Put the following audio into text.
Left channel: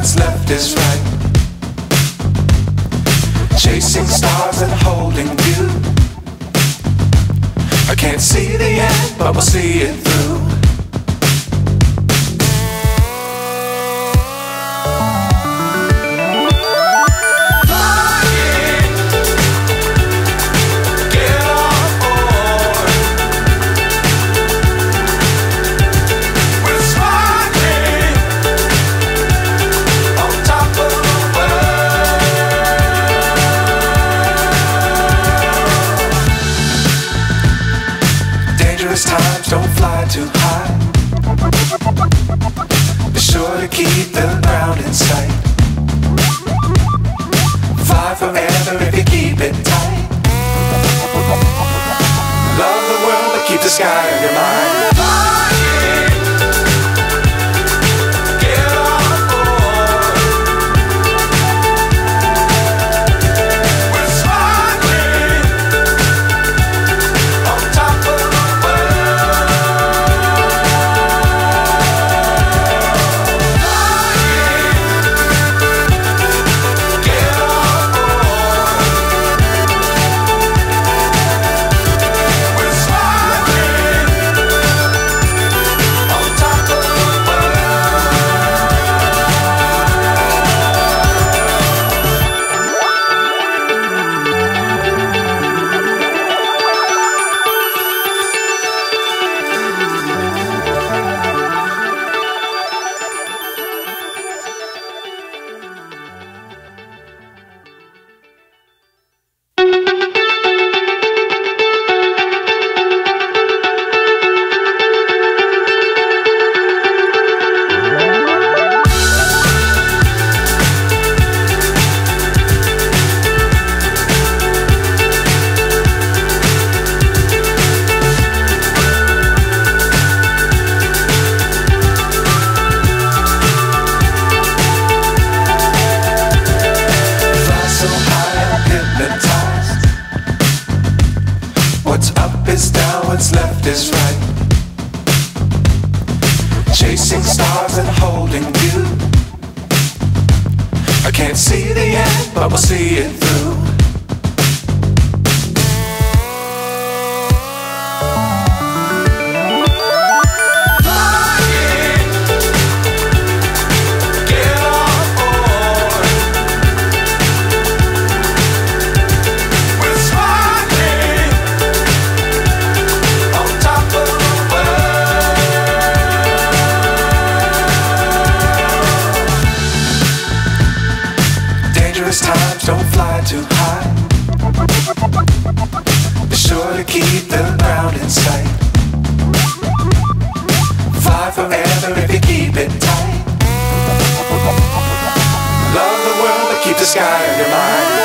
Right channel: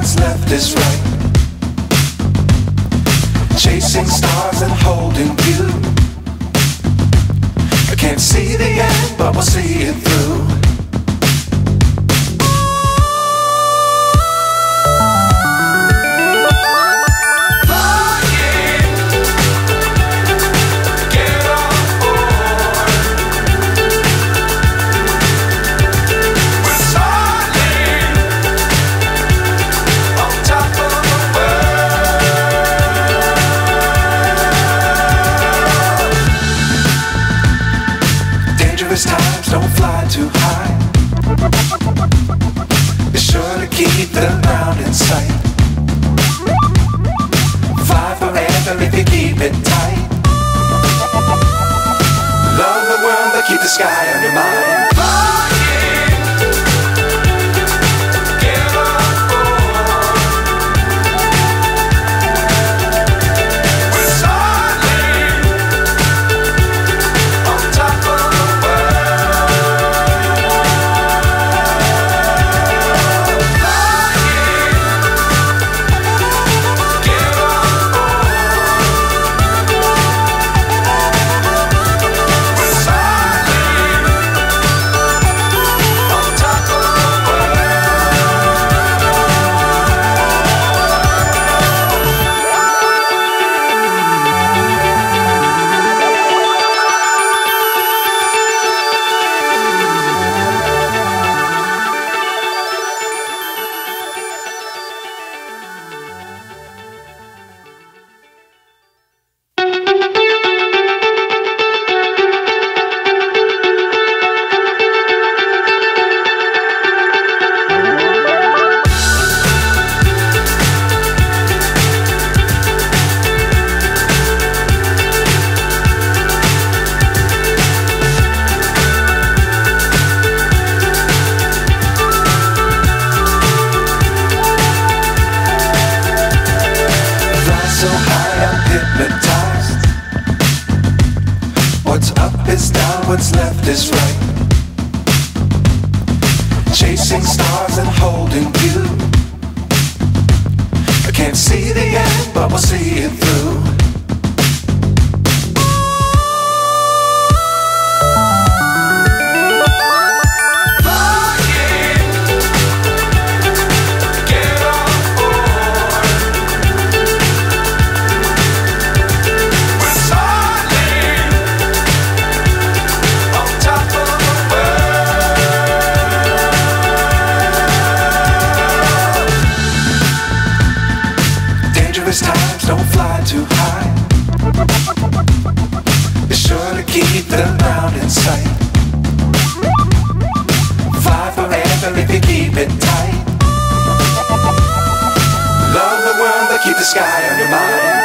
what's left is right. Chasing stars and holding you. I can't see the end, but we'll see it through. Times don't fly too high. Be sure to keep the ground in sight. Fly forever if you keep it tight. Love the world but keep the sky on your mind. So high I'm hypnotized. What's up is down, what's left is right. Chasing stars and holding you. I can't see the end, but we'll see it through. Times don't fly too high. Be sure to keep the ground in sight. Fly forever if you keep it tight. Love the world but keep the sky on your mind.